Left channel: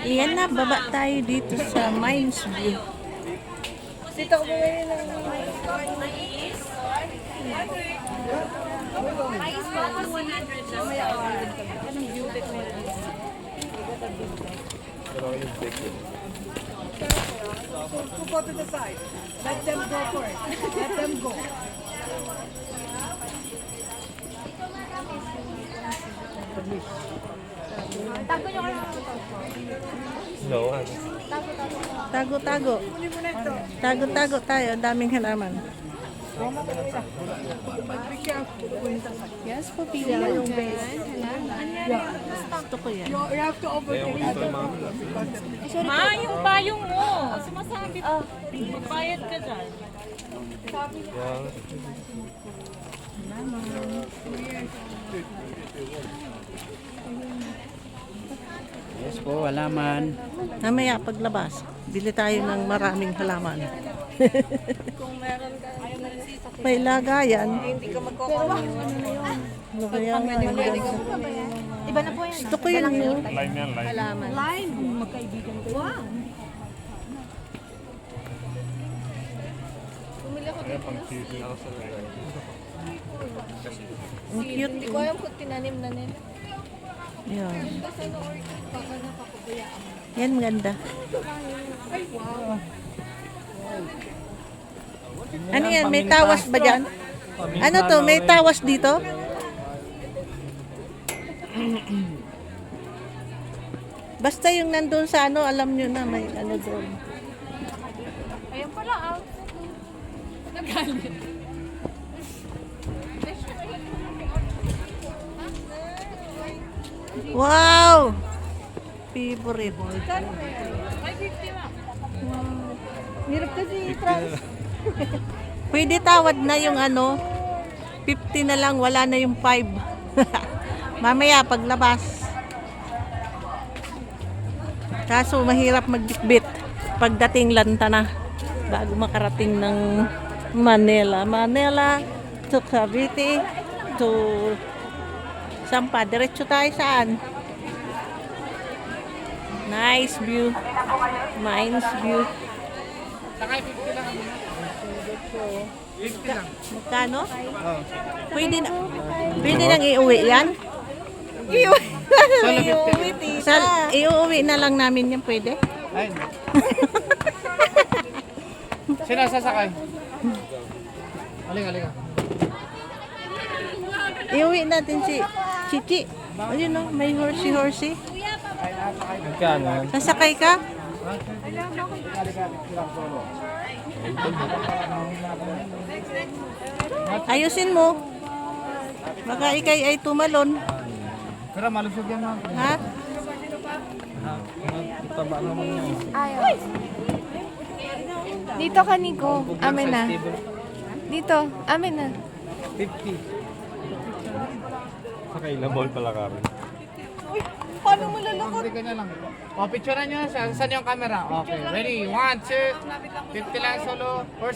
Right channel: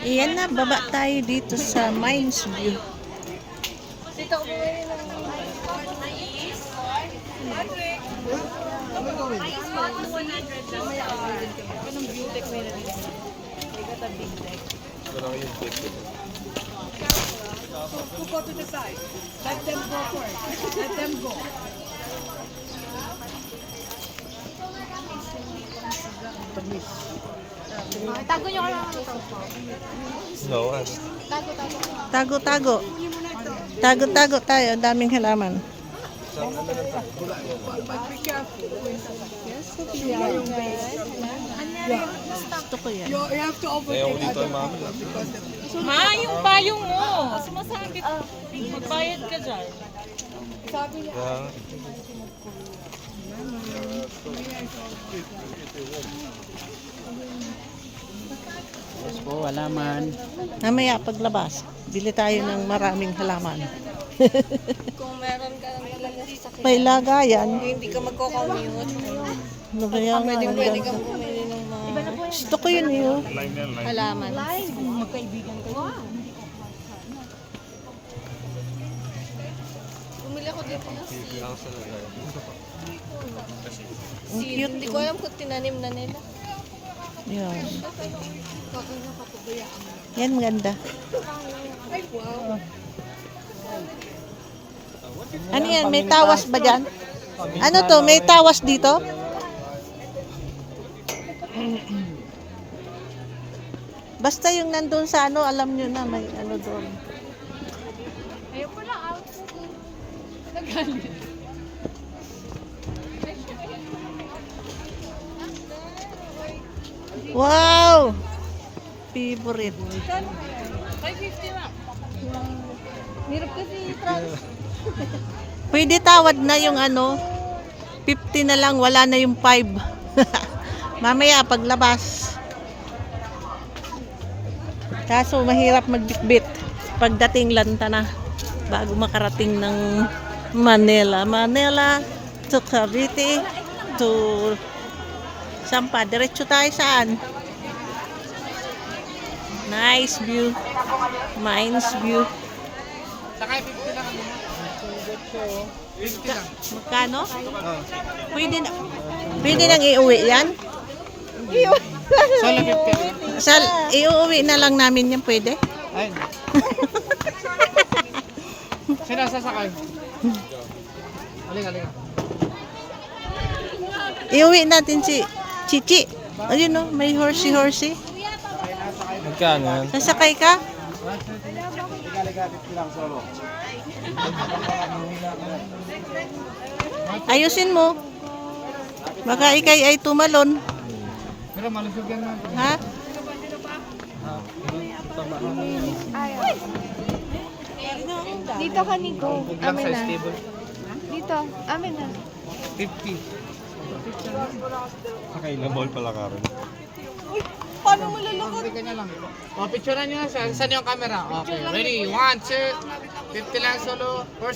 Iyan na, baba tayo dito sa Mines View. Dito ako bumili ng mais. Mais pa kasi 100 lang yan. Anong beauty ko yun? They got a big neck. So, go to the side. Let them go first. Let them go. Tago nyo kayo. Tago-tago. Tago-tago tayo. Ang daming halaman. Yes, pupila. Gusto ko yan. You have to overtake the Ma, yung payong mo. Sumasabit. Bayad ka dyan. Yes po, halaman. Mamaya paglabas, bili tayo ng maraming halaman. May lagayan. hindi ka magko-commute. Lagayan nga ang ganda. Gusto ko yun yun. Alaman. Bumili ako dito. Ang cute. Hindi ko alam kung tinanim na nila. Yan. Yan maganda. Ano yan? May tawas ba dyan? Ano to? May tawas dito? Basta yung nandun sa ano, alam nyo na may ano doon. Ayun pala ah. Wow! Favorite. Ay, 50 na. Hirap kasi price. Pwede tawad na yung ano, 50 na lang, wala na yung 5. Mamaya paglabas. Kaso mahirap magbitbit pagdating Lantana bago makarating ng Manila. Manila to Cavite to Sampa. Diretso tayo saan? Nice view. Mines view. Magkano? Pwede nang iuwi yan? Iuwi na lang namin yan, pwede? Ayun. Sino sasakay? Halika. Iuwi natin si Chichi. Ayun no, may horsey. Magkano? Nasakay ka? Ayusin mo. Baka ikay ay tumalon. Pero malusog yan ma'am. Ha? Dito ka, Nico. Amin na. Dito. Amin na. 50. Sa kailang ball pala karon. Uy, paano mo lalakad? Hindi kanya lang. O, picturean nyo. Saan yung camera? Okay, ready? 1, 2. 50 lang solo. Or